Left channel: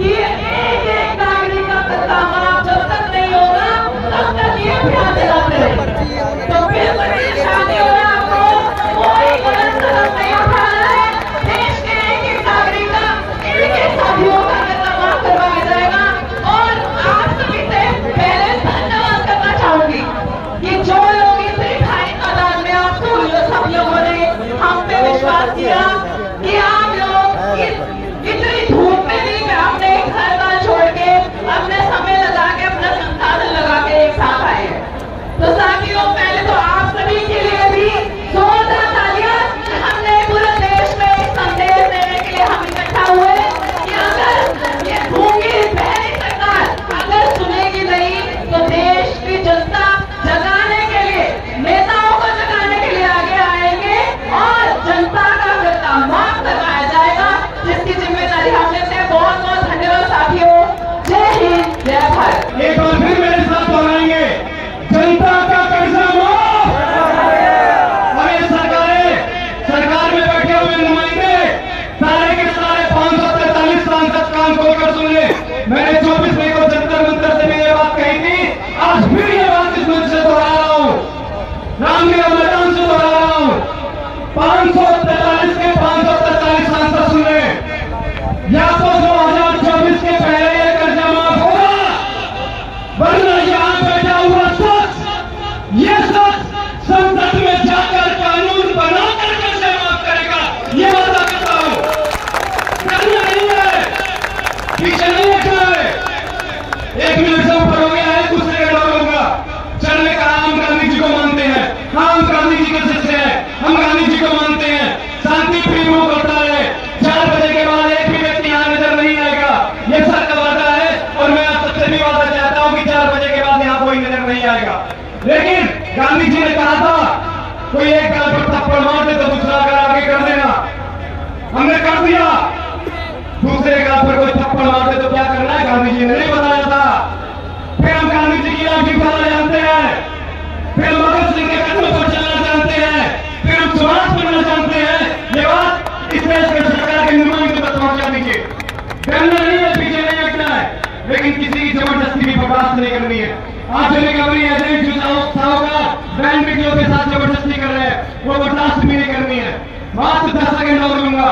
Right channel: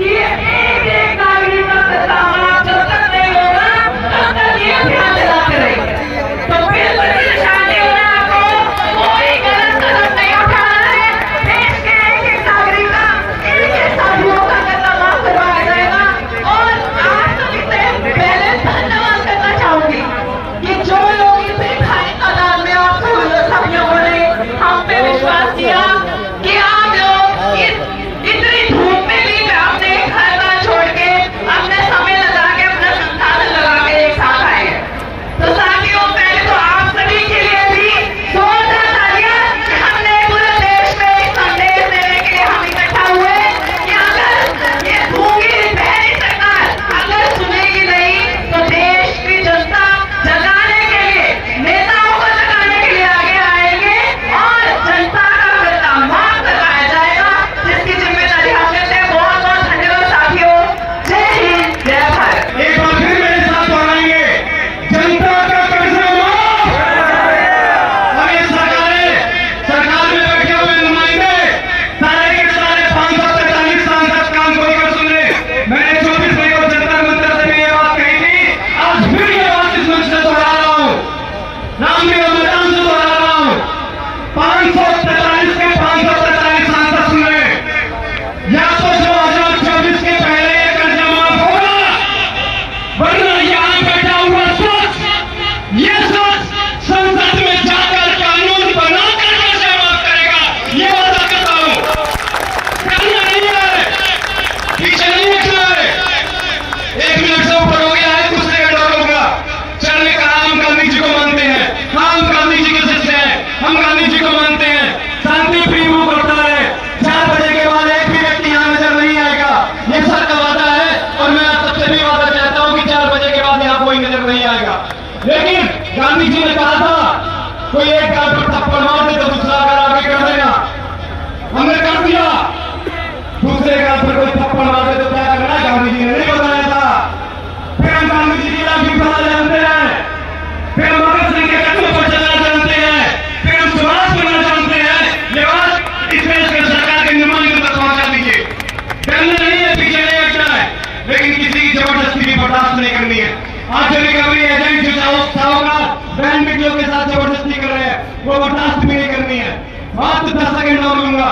कि एक एक नागरिक का बदलाव आप जब तक नहीं होगा तब तक ये अभियान चलाते रहेंगे। तो बिल्कुल परेशानी हो रहा आपको, कोई गलत कदम नहीं उठाना है। देश के एक एक नागरिक का इनके साथियों का कदम माफ करवाया जाएगा। और आप सभी से पहले धन्यवाद करना चाहूंगी कि जो लोग इस रिफाइन मैदान में आप सब लोगों ने हम पे विश्वास किया कि आप लोग इतनी धूप में भी अपने घर बार छोड़ के अपने समय लगा के अपना संसाधन लगा के एक साथ आए हैं। तो साथियों, पहले तो आप सभी के लिए भी जोरदार तालियां कि हमने पूरे देश में एक संदेश देने के लिए हम इकट्ठा हुए कि अगर ये भूखी बहरी सरकार अगर सुनेगी नहीं तो देश की जनता जगाने के लिए, नेताओं को जगाने के लिए आगे आएंगे और जनता का कर्जा माफ करवाया जाएगा, जिसकी जिम्मेदारी हम लेते हैं। बहुत बहुत धन्यवाद साथियों। जय हिंद, जय भारत। एक बार फिर मेरे साथ दोहराएंगे, जनता का कर्जा माफ। और ये सरकार में बैठे हुए नुमाइंदे सारे के सारे 543 सांसद कान खोलकर सुन ले। मैंने 24 मई को जंतर मंतर से ये बात कही थी, आज फिर ये बात इस मंच से दोहरा रहा हूं, रामलीला मैदान से दोहरा रहा हूं। 543 के 543 सांसद सुन ले, या तो 2024 के पहले ये कर्जा माफ होगा, वरना यहाँ बैठा हुआ सोच, ये सोच संसद में जाकर कानून बनाकर कर्जा माफ करेगा, ये वादा करता हूं। करना नहीं है, पीछे नहीं हटना है। 1 मिनट से ऊपर हो गया है कुछ सेकंड होगा। चलने का हम गांधी जी को मानते हैं, हम गांधी जी के शिष्य हैं, हम गांधी जी को मानते हैं। शांति प्रिय रूप होता है, 4 बजे के बाद एक भी व्यक्ति यहाँ नजर नहीं आएगा, ये सर का वादा है। और मैं आप सबसे भी वादा चाहता हूँ कि 4 बजे के बाद यहाँ कोई नजर नहीं आएगा। लेकिन गांधी जी ने कहा था कोई एक गाल पर थप्पड़ मार दे तो दूसरा अगर आगे कर देना, हमने कर दिया। दूसरे गाल पर कोई थप्पड़ मार दे तो क्या करना है, गांधी जी ने नहीं बताया था। फिर हम गांधी जी की लाइफ पता जानते हैं, फिर हम भगत सिंह के कदमों पर चलना जानते हैं, फिर हम समाज बनना जानते हैं। ये बात इस देश के सरकार के नुमाइंदों तक पहुंचा दीजिए। पहले नहीं है, पीछे नहीं हटना है, लेकिन किसी की जबरदस्ती भी बर्दाश्त नहीं करनी है। आज जो रिकवरी एजेंट जो साहूकार बैंड मीडियो के साथ जबरदस्ती कर रहे हैं, वो बर्दाश्त भी नहीं करनी है। मात्र 10 सेकंड और लूंगा,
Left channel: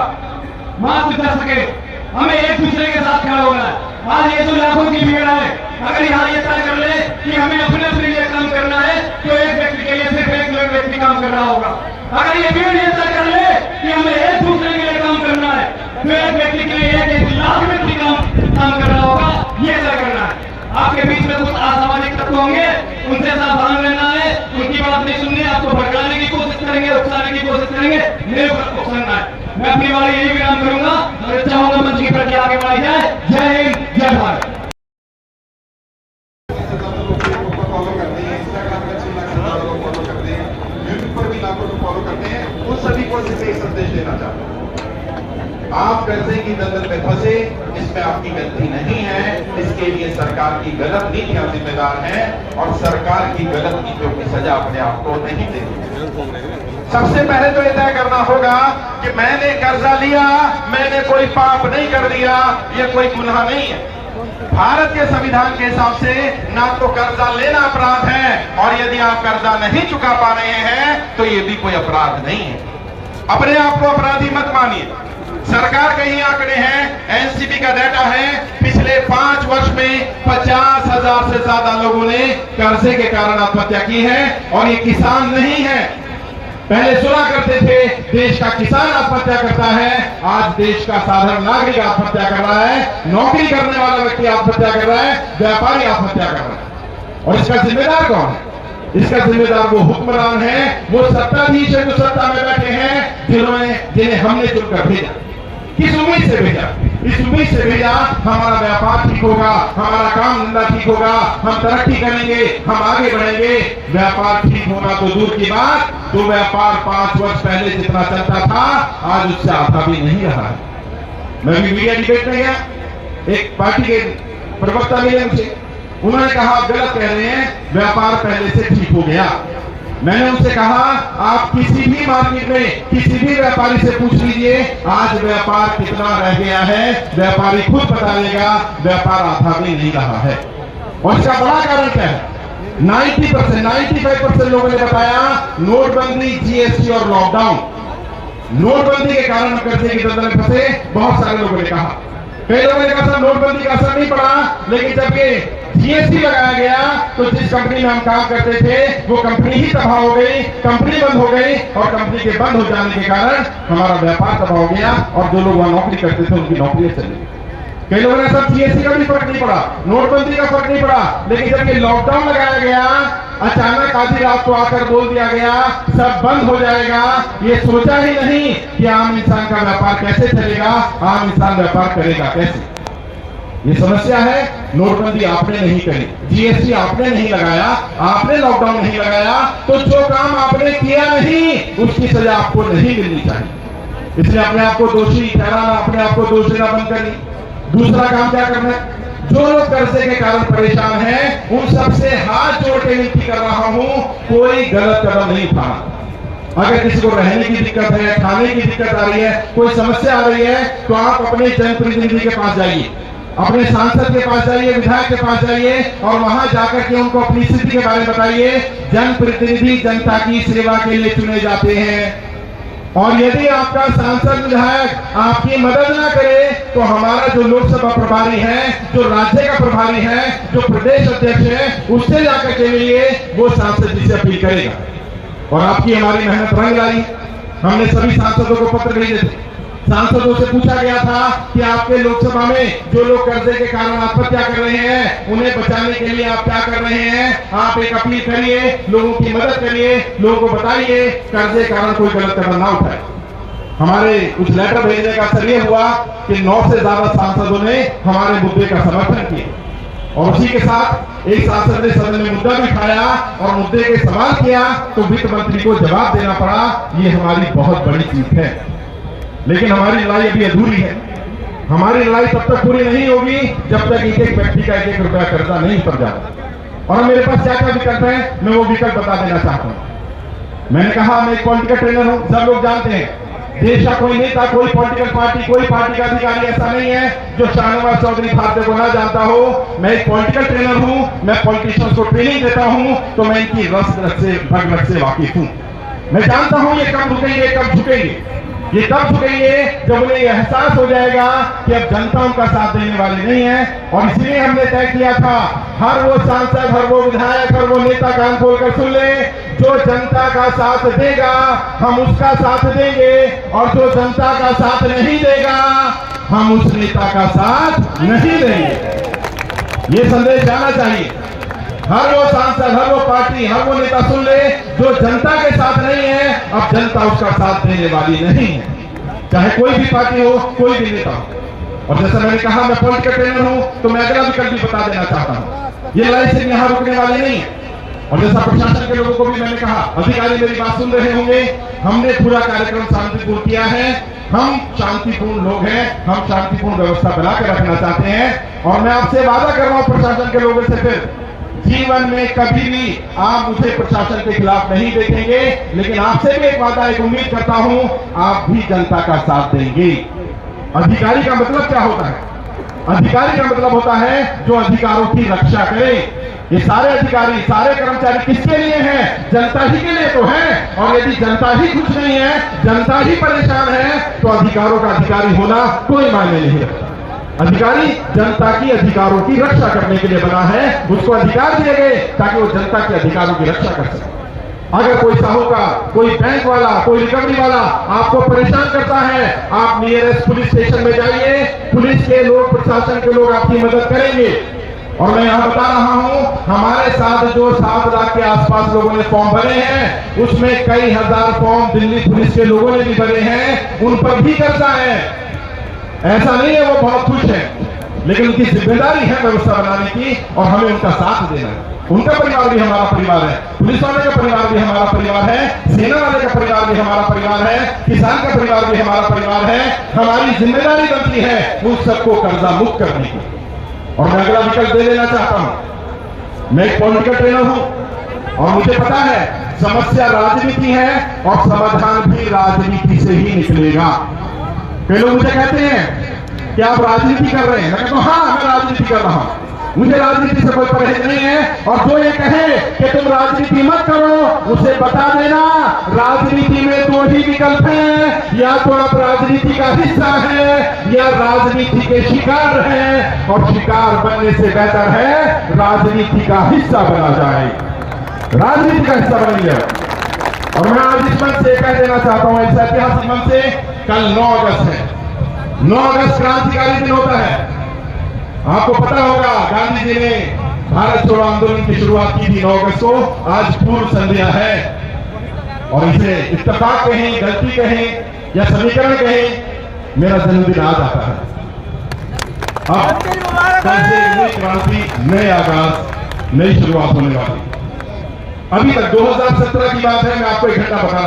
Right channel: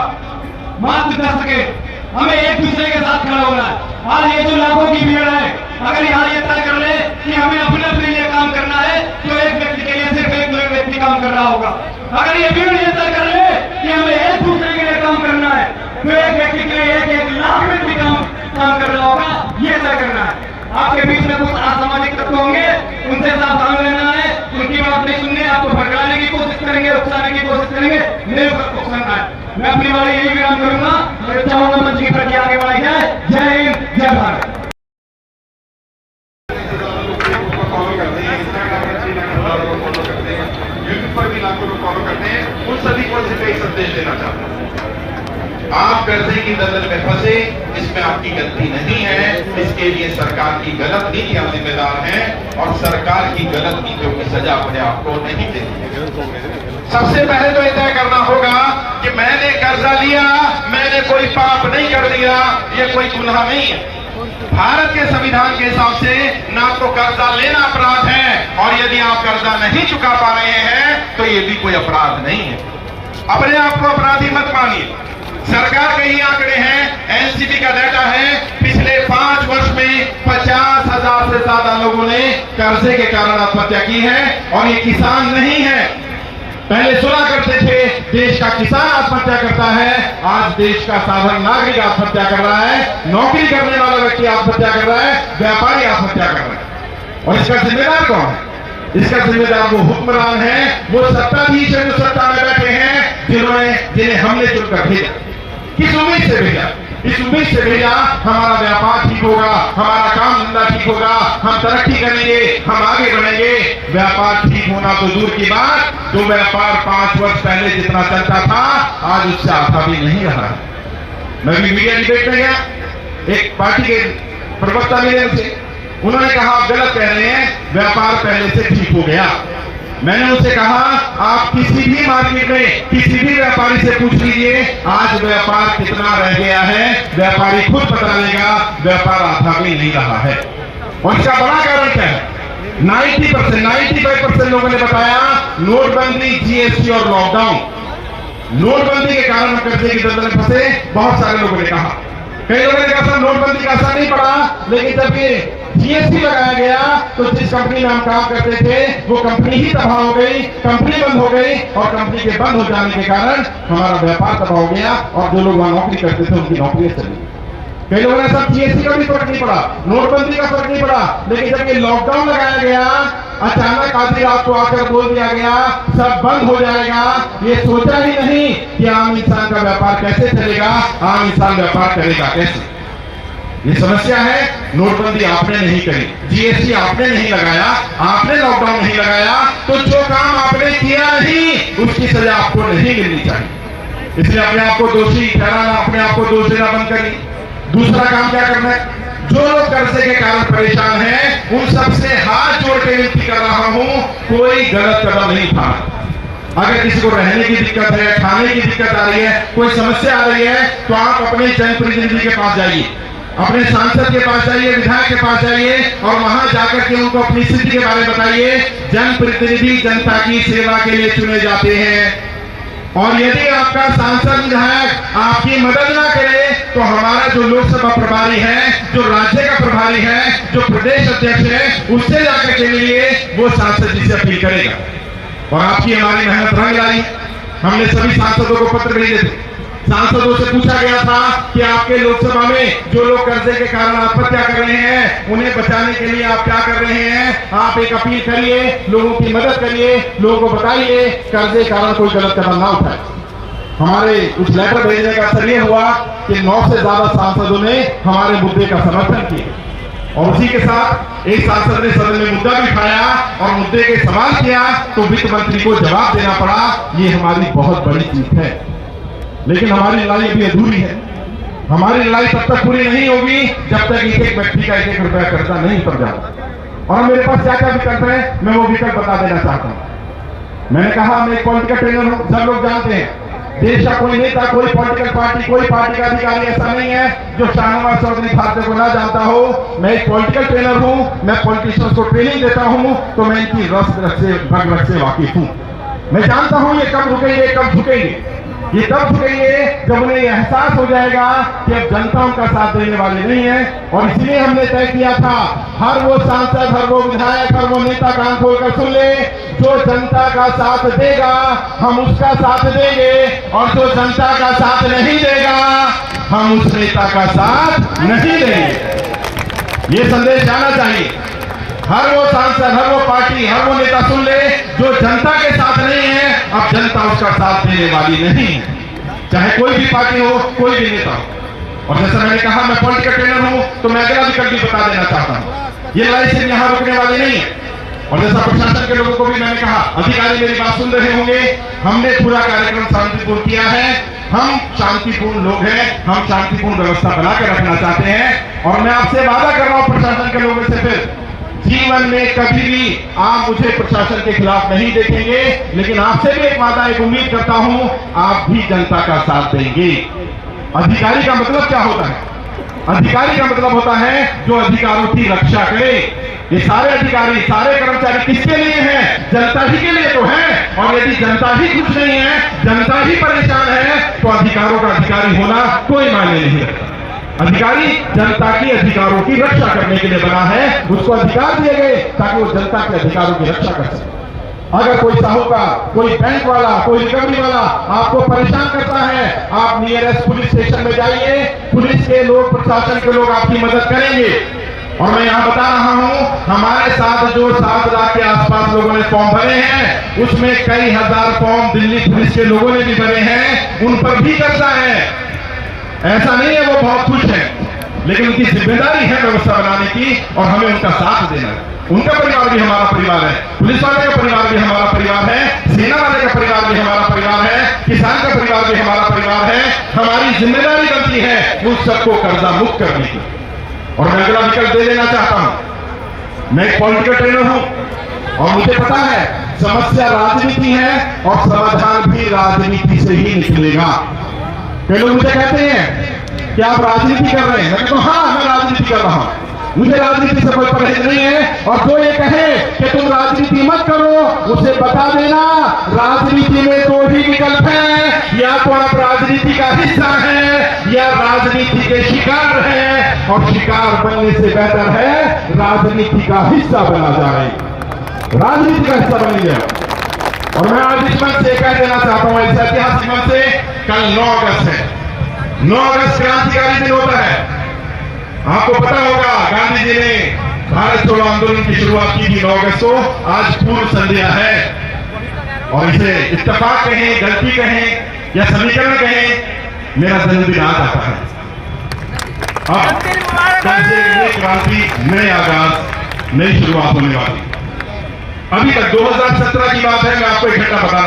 मात्र 10 सेकंड। हमें एक दूसरे के साथ खड़ा होना है। आज ये जो लाखों की भीड़ है, अगर यहाँ ये तय कर ले कि हमें अपने लिए काम करना है, तो एक व्यक्ति के लिए सिर्फ एक व्यक्ति काम कर रहा होगा। अगर ये भीड़ ये तय कर ले कि हमें एक दूसरे के लिए काम करना है, तो एक व्यक्ति के लिए 1 लाख व्यक्ति काम कर रहा होगा, ये तय करना है। आपके बीच में कुछ असामाजिक तत्व होंगे, उनसे सावधान रहना है, उनकी बात नहीं सुननी है। आपको भड़काने की कोशिश करेंगे, उकसाने की कोशिश करेंगे, मेरे ऊपर उकसाना है। मैं अपनी बारी यही विराम करूंगा। मैं चाहूंगा मंच की प्रक्रिया आगे बढ़ाई जाए। जय हिंद, जय भारत। यूट्यूब पर भी लाखों लोग फॉलो करते हैं, उन सभी को सिर्फ एक संदेश देना चाहता हूं। आप कर्जे की दलदल में फंसे, इसमें आपकी गलती नहीं है। इसके लिए सरकार की गलत नीतियां जिम्मेदार हैं, और सरकार की गलत नीतियों की सजा अपने आप को नहीं देती। सबसे पहले तो यह तय करना होगा कि मैंने कर्जा लिया, मैंने कोई पाप नहीं कर दिया, यह कोई गुनाह नहीं है। भारत के संविधान के हिसाब से ना तो कर्जा लेना अपराध है, और यदि आप कर्जा नहीं चुका पा रहे हैं तो ये भी कोई अपराध नहीं है। अपने आप को अपराधी मत मानिए। सरकार के ही आंकड़े हैं, एनसीटी का डाटा है, पिछले 5 वर्ष में 50,000 से ज्यादा लोगों ने कर्जे के कारण आत्महत्या की है। और ये किसान नहीं है, पहले सुना करते थे देश का किसान आत्महत्या करता है, आज देश का साधारण नागरिक आत्महत्या कर रहा है, नौकरी करने वाला व्यक्ति आत्महत्या कर रहा है, व्यापारी आत्महत्या कर रहा है। और इसका जिम्मेदार कौन है? इसका जिम्मेदार वो हुक्मरान है, वो सत्ताधीश है जो सत्ता में बैठे हैं, जिन्हें हमने चुनकर भेजा। किस उम्मीद से भेजा? इस उम्मीद से भेजा हमारा व्यापार ठीक होगा, हमारा काम धंधा ठीक होगा, हम तरक्की करेंगे, हम आगे बढ़ेंगे। व्यापार ठीक होगा तो दूर की बात, जो व्यापार 5 वर्ष पहले जितना चलता था आज उससे आधा भी नहीं रहा है। मैं भी मीडिया डिबेट में गया, एक पार्टी के प्रवक्ता मिले, उनसे उन्होंने कहा आप गलत कह रहे हैं, व्यापार पहले से ठीक हो गया। मैंने उनसे कहा आप किसी भी मार्केट में किसी भी व्यापारी से पूछ लीजिए आज व्यापार कितना रह गया है, व्यापारी खुद बता देगा व्यापार आधा भी नहीं रहा है। और इसका बड़ा कारण क्या है? 90%, 95% लोगों ने बताया नोटबंदी, जीएसटी और लॉकडाउन। नोटबंदी के कारण कर्जे की दलदल में फंसे बहुत सारे लोगों ने कहा। कई लोगों ने कहा नोटबंदी का असर नहीं पड़ा, लेकिन जबकि जीएसटी लगाया गया तो जिस कंपनी में हम काम करते थे वो कंपनी ही तबाह हो गई, कंपनी बंद हो गई और कंपनी के बंद हो जाने के कारण हमारा व्यापार तबाह हो गया और जो लोग वहां नौकरी करते थे उनकी नौकरी चली गई। कई लोगों ने सब जीएसटी का भी फर्क नहीं पड़ा, नोटबंदी का फर्क नहीं पड़ा, लेकिन जब ये लॉकडाउन लगाया गया अचानक आधी रात को आकर बोल दिया गया सब बंद हो जाएगा, ये सोचा ही नहीं कि आम इंसान का व्यापार कैसे चलेगा, आम इंसान व्यापार करेगा कैसे। ये समस्या है। नोटबंदी आपने नहीं करी, जीएसटी आपने नहीं लगाया, आपने लॉकडाउन नहीं लगाया, तो जो काम आपने किया नहीं उसकी सजा आपको नहीं मिलनी चाहिए। इसलिए अपने आप को दोषी ठहराना, अपने आप को दोष देना बंद करिए। दूसरा काम क्या करना है? जो लोग कर्जे के कारण परेशान हैं उन सबसे हाथ जोड़ के विनती कर रहा हूं कोई गलत कदम नहीं उठाना। अगर किसी को रहने की दिक्कत है, खाने की दिक्कत आ रही है, कोई समस्या आ रही है तो आप अपने जनप्रतिनिधि के पास जाइए, अपने सांसद के पास जाइए, विधायक के पास जाइए और वहां जाकर के उनको अपनी स्थिति के बारे में बताइए। जनप्रतिनिधि जनता की सेवा के लिए चुने जाते हैं और यदि आपका सांसद विधायक आपकी मदद ना करे तो हमारा जो लोकसभा प्रभारी है, जो राज्य का प्रभारी है, जो प्रदेश अध्यक्ष है, उससे जाकर के लिए वो सांसद जी से अपील करेगा। और आपकी हमारी मेहनत रंग लाई। हमने सभी सांसदों को पत्र भेजे थे, सांसदों से पूछा गया था कि आपके लोकसभा में जो लोग कर्जे के कारण आत्महत्या कर रहे हैं उन्हें बचाने के लिए आप क्या कर रहे हैं। आप एक अपील करिए, लोगों की मदद करिए, लोगों को बताइए कर्जे के कारण कोई गलत कदम ना उठाए। हमारे उस लेटर भेजने का असर यह हुआ कि 9 से ज्यादा सांसदों ने हमारे मुद्दे का समर्थन किया और उसी के साथ एक सांसद ने सदन में मुद्दा भी उठाया और मुद्दे के सवाल किया तो वित्त मंत्री को जवाब देना पड़ा। ये हमारी बहुत बड़ी जीत है, लेकिन हमारी लड़ाई अभी अधूरी है। हमारी लड़ाई तब तक पूरी नहीं होगी जब तक एक एक व्यक्ति का 1-1 रुपया कर्जा नहीं उतर जाता। और मेरे पास क्या क्या विकल्प है मैं वो विकल्प बता देना चाहता हूं। मैंने कहा मैं एक पॉलिटिकल ट्रेनर हूं, सब लोग जानते हैं देश का कोई नेता, कोई पॉलिटिकल पार्टी, कोई पार्टी का अधिकारी ऐसा नहीं है जो शाहनवाज चौधरी खाते को ना जानता हो। मैं एक पॉलिटिकल ट्रेनर हूं, मैं पॉलिटिशियंस को ट्रेनिंग देता हूं तो मैं इनकी रस से वाकिफ हूं। मैं जानता हूं ये कब रुकेंगे, कब झुकेंगे। ये तब झुकेंगे जब उन्हें एहसास हो जाएगा कि अब जनता उनका साथ देने वाले नहीं है। और इसलिए हमने तय किया था हर वो सांसद, हर वो विधायक, हर वो नेता कान खोलकर सुन ले, जो जनता का साथ देगा हम उसका साथ देंगे और जो जनता का साथ नहीं देगा हम उस नेता का साथ नहीं देंगे। ये संदेश जाना चाहिए। हर वो सांसद, हर वो पार्टी, हर वो नेता सुन ले, जो जनता के साथ नहीं है अब जनता उसका साथ देने वाली नहीं है, चाहे कोई भी पार्टी हो, कोई भी नेता हो। और जैसा मैंने कहा मैं पॉलिटिकल ट्रेनर हूं तो मैं अगला विकल्प भी बता देना चाहता हूं। ये लड़ाई सिर्फ यहां रुकने वाली नहीं है। और जैसा प्रशासन के लोगों को भी मैंने कहा, अधिकारी मेरी बात सुन रहे होंगे, हमने पूरा कार्यक्रम शांतिपूर्ण किया है। हम शांतिपूर्ण लोग हैं, हम शांतिपूर्ण व्यवस्था बना के रखना चाहते हैं। और मैं आपसे वादा कर रहा हूं प्रशासन के लोगों से, फिर जीवन में कभी भी आप मुझे प्रशासन के खिलाफ नहीं देखेंगे, लेकिन आपसे भी एक वादा, एक उम्मीद करता हूं आप भी जनता का साथ देंगे। अधिकारी का मतलब क्या होता है? अधिकारी का मतलब होता है जो अधिकारों की रक्षा करे। ये सारे अधिकारी, सारे कर्मचारी किसके लिए हैं? जनता ही के लिए तो है। और यदि जनता ही खुश नहीं है, जनता ही परेशान है तो अधिकारों का अधिकारी होना कोई मायने नहीं रखता। अधिकारी जनता की अधिकारों की रक्षा करने के लिए बना है, उसको अधिकार दिए गए ताकि वो जनता के अधिकारों की रक्षा कर सके। अगर कोई साहूकार, कोई बैंक वाला, कोई रिकवरी वाला आपको परेशान करता है, आप नियरेस्ट पुलिस स्टेशन में जाइए, पुलिस के लोग, प्रशासन के लोग आपकी मदद करेंगे। और मैं यहाँ बता रहा हूँ हमारे साथ जो 7 लाख के आसपास लोगों ने फॉर्म भरे हैं उसमें कई हजार फॉर्म दिल्ली पुलिस के लोगों ने भी भरे हैं, उन पर भी कर्जा है। ऐसा नहीं है वो बहुत खुश है, लेकिन उनकी जिम्मेदारी है व्यवस्था बनाने की और हमें उनका साथ देना है। उनका परिवार भी हमारा परिवार है, पुलिस वाले का परिवार भी हमारा परिवार है, सेना वाले का परिवार भी हमारा परिवार है, किसान का परिवार भी हमारा परिवार है। हमारी जिम्मेदारी बनती है उस सबको कर्जा मुक्त करने की। और मैं अगला विकल्प दे देना चाहता हूं। मैं एक पॉलिटिकल ट्रेनर हूं और मुझे पता है समस्या राजनीति है और समाधान भी राजनीति से ही निकलेगा। कई लोग मुझे कहते हैं कि आप राजनीति कर रहे हैं, मैं कहता हूं हाँ मैं राजनीति कर रहा हूं, मुझे राजनीति से कोई परहेज नहीं है। और जो ये कहे कि तुम राजनीति मत करो, उसे बता देना राजनीति में दो ही विकल्प है, या तो आप राजनीति का हिस्सा है या राजनीति के शिकार है, और शिकार बनने से बेहतर है राजनीति का हिस्सा बना जाए, राजनीति का हिस्सा बन गया। और मैं आज इस मंच से कह देना चाहता हूं, इस ऐतिहासिक मंच से, कल 9 अगस्त है, 9 अगस्त क्रांतिकारी दिन होता है। आपको पता होगा गांधी जी ने भारत छोड़ो आंदोलन की शुरुआत की थी 9 अगस्त को, आज पूर्व संध्या है। और इसे इत्तेफाक कहें, गलती कहें या समीकरण कहें, मेरा जन्मदिन आज आता है। अब कल से नई क्रांति, नए आगाज, नई शुरुआत होने वाली। अभी तक 2017 की बात है, मैं आपको एक घटना बता रहा हूं।